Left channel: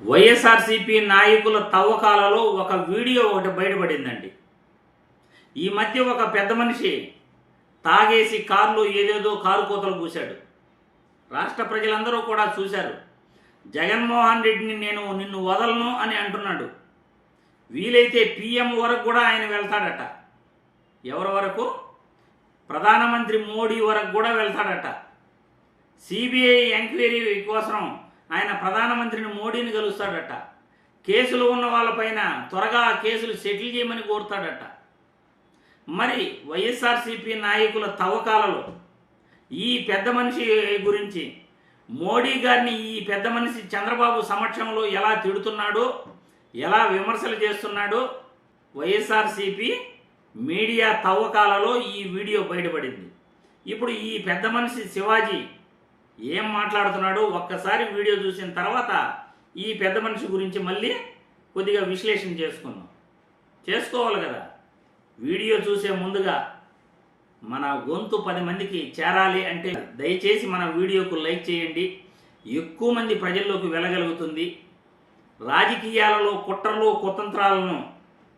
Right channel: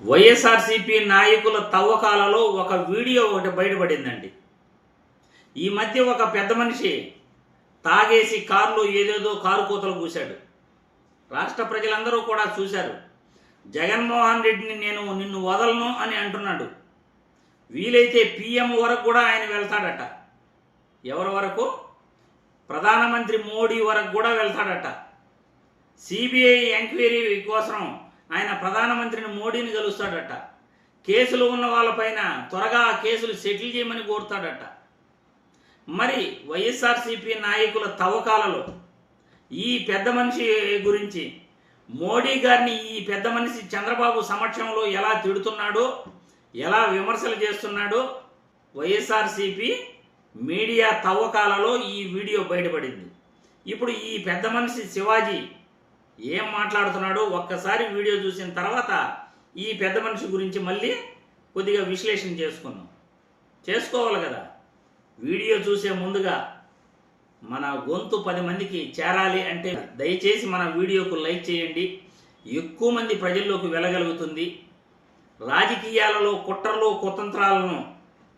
వైఎస్ఆర్సీపీ నాయకుల తవ్వకాలలో ఒక వీడియో ఒకటి బయటపడిందండి. ఈ మధ్య ఒక పెద్ద మనిషి తాగేసి కారులో ఏదేదో కారు కోతలు కూశాడు. రాష్ట్ర ప్రజలందరూ కూడా చూశారు. జగన్మోహన్ రెడ్డిని నేను నిన్ను వదలను అని అంటున్నాడు. వీలైతే పీఎం వరకు కూడా ఆయన వెళ్తాడట. ఎవరి వరకు? ప్రధానమంత్రి మోడీ వరకు కూడా వెళ్తాడట. సిబిఐ ఎంక్వైరీ కోసం ఆయన ప్రధానమంత్రిని మోడీని కలుస్తాడట. కేసులు ఉన్న వాళ్ళపైన త్వరగా ఆ కేసులు సెటిల్ చేయమని కోరుతాడట. మరి వైఎస్ఆర్సీపీ నాయకుల తవ్వకాలలో ఈ పెద్ద మనిషి గురించి మోడీ గారిని ఈ పెద్ద మనిషి చంద్రబాబు సమక్షంలో ఎలా తిడుతున్నాడో, ఎలా విమర్శలు చేస్తున్నాడో వైఎస్ఆర్సీపీ మీడియా తవ్వకాలలో ఈ వీడియో బయటపడింది. ఇప్పుడు ఈ పెద్ద మనిషి శివాజీ ఏం మాట్లాడుతున్నాడో ఒక్కసారి వీడియో చూసిన తర్వాత ఈ పెద్ద మనిషి గురించి మళ్ళీ కొద్దిగా విశ్లేషణ చేసుకోవాలి కదా. వీడియో చూసే ముందుగా మన గొంతు 10 మందికి చేరాలి అంటే దయచేసి మన వీడియోకు లైక్ చేయండి. ఎక్కువ మంది ప్రజల్లోకి వెళ్ళగలుగుతుంది. రాజకీయాలలో కుట్రలు కుతంత్రాలను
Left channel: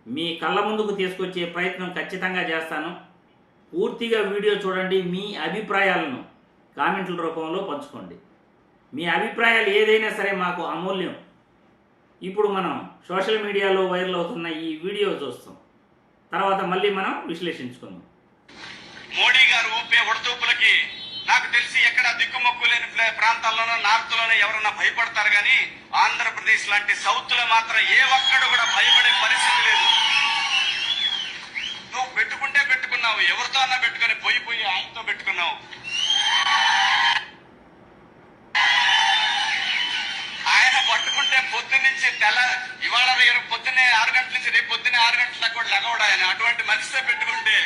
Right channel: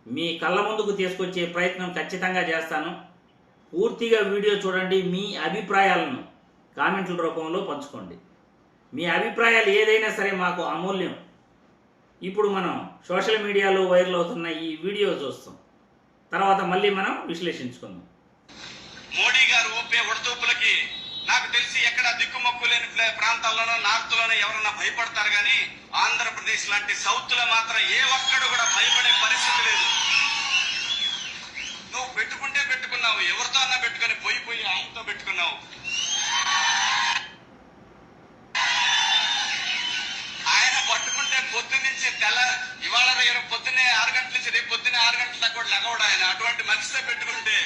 మీ కళ్ళ ముందుకు తీసుకొచ్చే ప్రయత్నం ఖచ్చితంగా చేస్తాను. పూర్తిగా వీడియో చూడండి. మీ అభిప్రాయాలను కామెంట్ల రూపంలో పంచుకోండి. మీ అభిప్రాయాలు ఏదైనా సరే మాకు అమూల్యం. ఇప్పుడు మనం సోషల్ మీడియాలో వైరల్ అవుతున్న ఈ వీడియో చూస్తాం. తర్వాత మళ్ళీ మనం విశ్లేషించుకుందాం. మోడీ గారు ఊపే ఉడతూపులకి నాకు తెలిసి ఎక్కడ దిక్కుమొక్కు లేని ప్రాంతాల్లోనో నార్త్లోనో ఎవరన్నా భయపడతారు, కానీ ఆంధ్రప్రదేశ్ లాంటి సౌత్ లో మాత్రం ఏ ఒక్కడు కూడా భయపడే పరిస్థితి లేదు. నువ్వు పెట్టుకుంటే పెట్టుకున్నావు, ఎవరితో అన్నా పెట్టుకొని పోయి ఆయనతో పెట్టుకున్నావు. ఆయన పట్టుకుంటే పొద్దున్న నుంచి ఇవాళ పొద్దున్నే 6 గంటల నుంచి రేపు పొద్దున్నే 6 గంటల దాకా కూడా లెగవడు ఆయన. అటువంటి మనిషితో పెట్టుకుంటే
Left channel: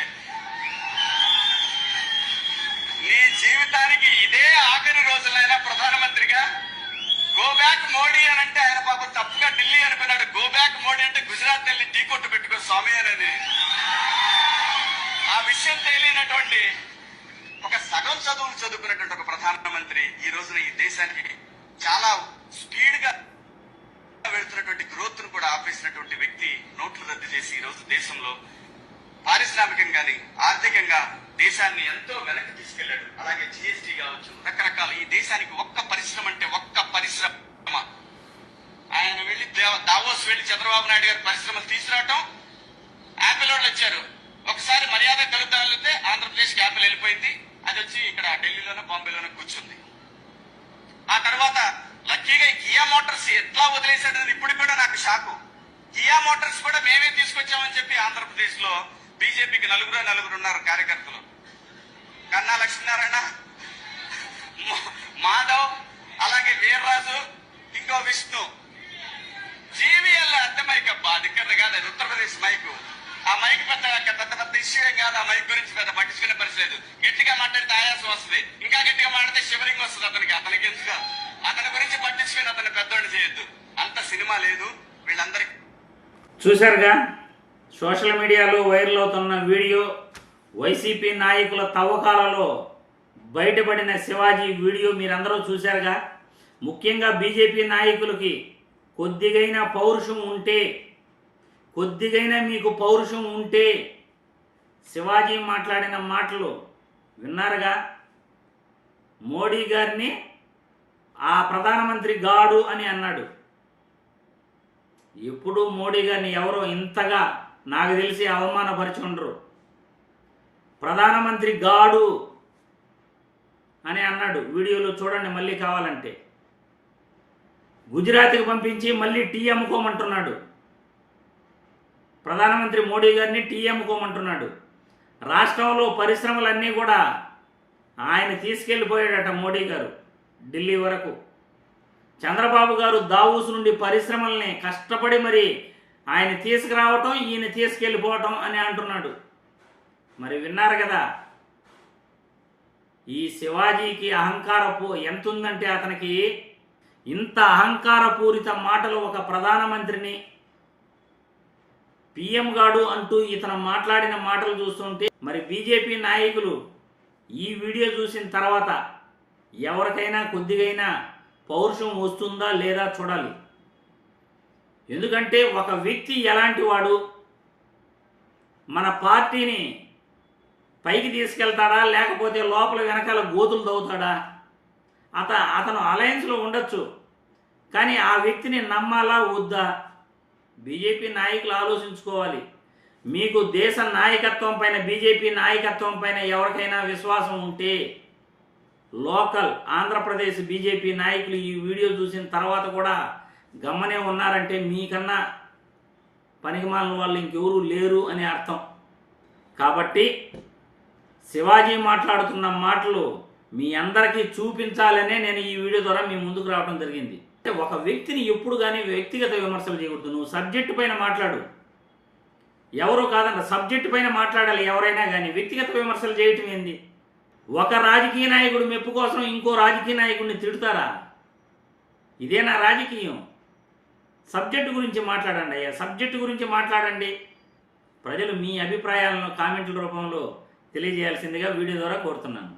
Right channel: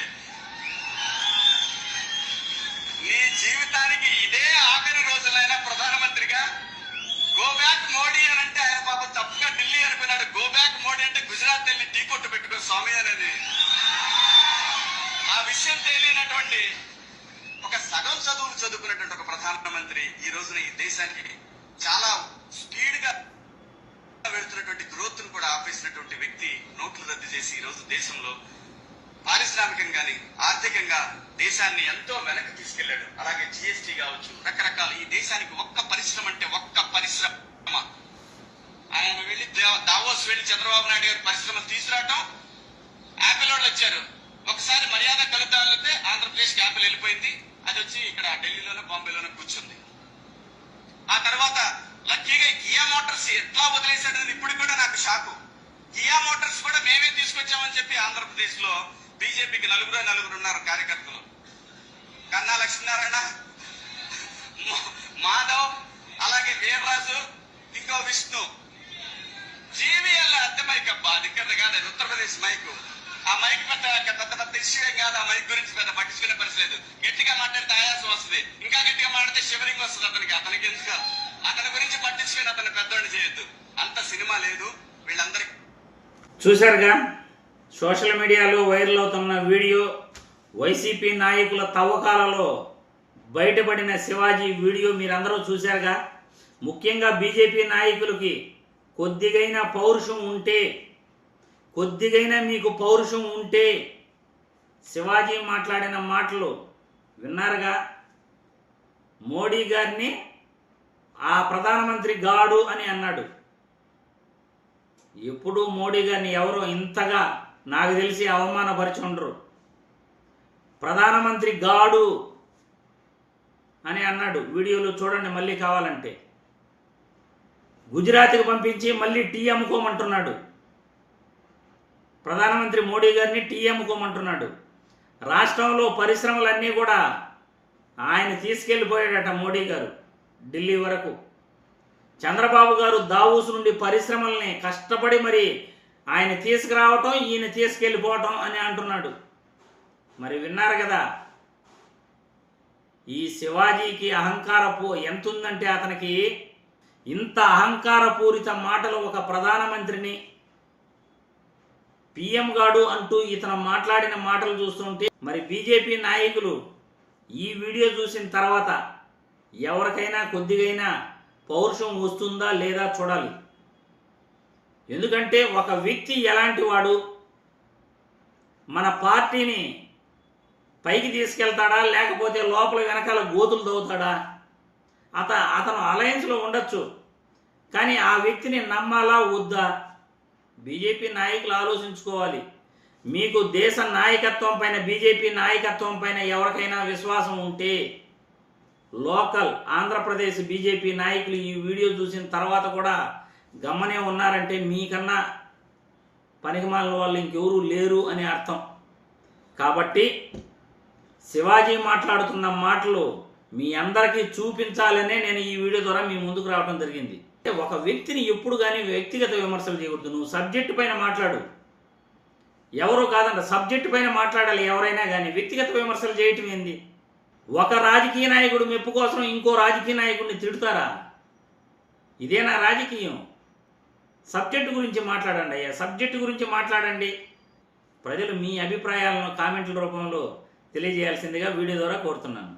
నీ జీవితానికి ఇదే ఆఖరి రోజులైనా ప్రధానమంత్రిగా గో బ్యాక్ మోడీ అని అంటే ఆయన పాపం తప్పుగా ఢిల్లీ అనుకున్నాడు. గో బ్యాక్ మోడీ అంటే గుజరాత్ వెళ్ళి టీ కొట్టు పెట్టుకో స్వామి అనేది. ఆ విషయం తెలియనటువంటి ఒక సగం చదువులు చదువుకున్నటువంటి ఒక ప్రధానమంత్రి ఈ రోజున ఈ దేశానికి చాలా స్పీడ్ గా వెళ్తున్నటువంటి గ్రోత్ ను కూడా ఆపేసినటువంటి వ్యక్తి నోట్లు రద్దు చేసి ఈ రోజు దేశంలో పారిశ్రామికంగాని ఆర్థికంగా దేశాన్ని ఎంతో వెనక్కి తీసుకెళ్లాడు. అలాగే జిఎస్టీ కావచ్చు, రకరకాలు ఈ దేశానికి ఒక్క పరిశ్రమ అంటే ఒక్క పరిశ్రమ. ఆయన వెళ్లి దావోస్ వెళ్లి చంద్రబాబు నాయుడు గారి పరిశ్రమలు తీసుకురావటం, యాపిల్ వాళ్ళు వచ్చారు. ఒకసారి మర్యాద కలుగుతాలితే ఆంధ్రప్రదేశ్ కి యాపిల్ వెళ్ళిపోయింది. అది వచ్చి ఇక్కడ ఢిల్లీలోనూ బాంబేలోనూ కూర్చుంది. ఆ తర్వాత లక్కీగా కియా మోటార్స్ ఎట్లా వదిలేశాడు ఇప్పుడు కూడా నాకు షాకు. కియా మోటార్స్ కూడా మేమే తీసుకొచ్చామని చెప్పి ఆంధ్రప్రదేశ్ లో బీజేపీకి నలుగురు ఉన్నారు కార్యకర్తలు. కన్నా లక్ష్మీనారాయణ, మాధవ్, అలాగే వీర్రాజు, ఇంకో విష్ణు. జీవీఎల్ అద్దె మైక్ అబ్బా, అది ఇక్కడ కాదు, ఉత్తరప్రదేశ్ మైకు. ఆ మైక్ పెద్ద ఇష్యూ ఏం కాదు. ఆ మైక్ గురించి పెద్ద పట్టించుకునే పరిస్థితి లేదు. గట్టిగా మాట్లాడితే ఆయాసం వస్తుంది, ఇంకా గట్టిగా మాట్లాడితే షివరింగ్ వస్తుంది అతనికి ఎందుకు. అతని గురించి పట్టించుకుని అతను పెద్దోళ్ళు చేయొద్దు. అంత సినిమా లేదు వీళ్ళందరికీ. చూశారుగా సోషల్ మీడియాలో వైరల్ అవుతున్న వీడియో. వైసీపీ నాయకుల తవ్వకాలలో బయటపడిన శివాజీ వీడియో మీరందరూ చూశారుగా. ముఖ్యంగా బీజేపీ నాయకులకి కొద్దిగైనా మీకు పౌరుషం ఉంటే శివాజీ మాట్లాడిన మాటలు విన్నారుగా. మోడీ గారిని ఆ ప్రధానమంత్రి గాడు అని అన్నాడు. ఎప్పుడు మోడీ గారిని ఎవరో ఇంతగా నాకు తెలిసి అవమానపరిచి ఉండరు. ప్రధానమంత్రి గాడు అని అన్నాడు. వీడియోలో చూడండి మళ్ళీ కావాలంటే. గుజరాత్కి పంపించి మళ్ళీ టీ అమ్ముకోమంటున్నాడు. ప్రధానమంత్రి మోడీ గారిని టీ అమ్ముకోమంటున్నాడు. రాష్ట్రంలో పరిశ్రమలన్నీ కూడా ఆయన తీసుకెళ్ళిపోయాడట మోడీ గారు ఢిల్లీ వరకు. చంద్రబాబు గారు దావూస్ నుండి పరిశ్రమల్ని కష్టపడి మరి ఆయన తీసుకురావటం, ఈయన తీసుకెళ్ళిపోవటం అని అంటున్నాడు. మరి విన్నారు కదా. ఈ శివాజీకి ఎంత ఉందంటే అతనికి ఇంత అహంకారపూరిత మాటలు ఒక ప్రధానమంత్రిని పిఎం గాడు అంటూ ఇతను మాట్లాడిన మాటలు చూస్తుంటే మరి బీజేపీ నాయకులు ఈ వీడియో చూసిన తర్వాత ఎవరికైనా కొద్దిగైనా పౌరుషం వస్తుందా లేదా చూడాలి. ఎందుకంటే ఒక వ్యక్తి ఎలాంటి వాడు, మన పార్టీని పైకి తీసుకెళ్తాడా లేకపోతే లోపల వెనకాల గోతులు తవ్వుతాడా? అతను అలయన్స్లో ఉండొచ్చు, కానీ ఆ వ్యక్తిని నమ్మాలా వద్దా? బీజేపీ నాయకులు ఆలోచించుకోవాలి. మీకు దేశ నాయకత్వం పైన, బీజేపీ నాయకత్వం పైన ఎవరికైనా విశ్వాసం ఉంటే, లోకల్ ఆంధ్రప్రదేశ్ బీజేపీ నాయకులు ఈ వీడియో చూసిన తర్వాత కూడా గమ్మనే ఉన్నారంటే మీకన్నా పనికిమాలిన వాళ్ళు ఇంకెవరూ లేరు అని అర్థం. కాబట్టి శివాజీ మాట్లాడుతున్న మాటలు మీ అందరికీ చూపించాలనే నేను ఈ వీడియో ద్వారా మీ ముందుకు రావడం జరిగింది. ఒక వ్యక్తిని ఎప్పుడు కానీ వ్యక్తిగత విమర్శలు చేయకూడదు. నువ్వు సబ్జెక్టు పైన మాట్లాడు, ఎవరో కాదంట, సబ్జెక్టు పైన మాట్లాడాలి ఎవరైనా కానీ. వ్యక్తిగత విమర్శలు చేయటం ఏంది? ఒక రాజకీయ నాయకుడు మెప్పు కోసం ఇంకో రాజకీయ నాయకుడిని తిడతారా? ఇదేనా రాజకీయం? సబ్జెక్టు గురించి మాట్లాడండి అయ్యా, సబ్జెక్టు గురించి మాట్లాడండి. ప్రజలు మీ అభిప్రాయాలను కామెంట్ల రూపంలో తెలియజేయాల్సిందిగా వీడియో ద్వారా కోరుతున్నాను.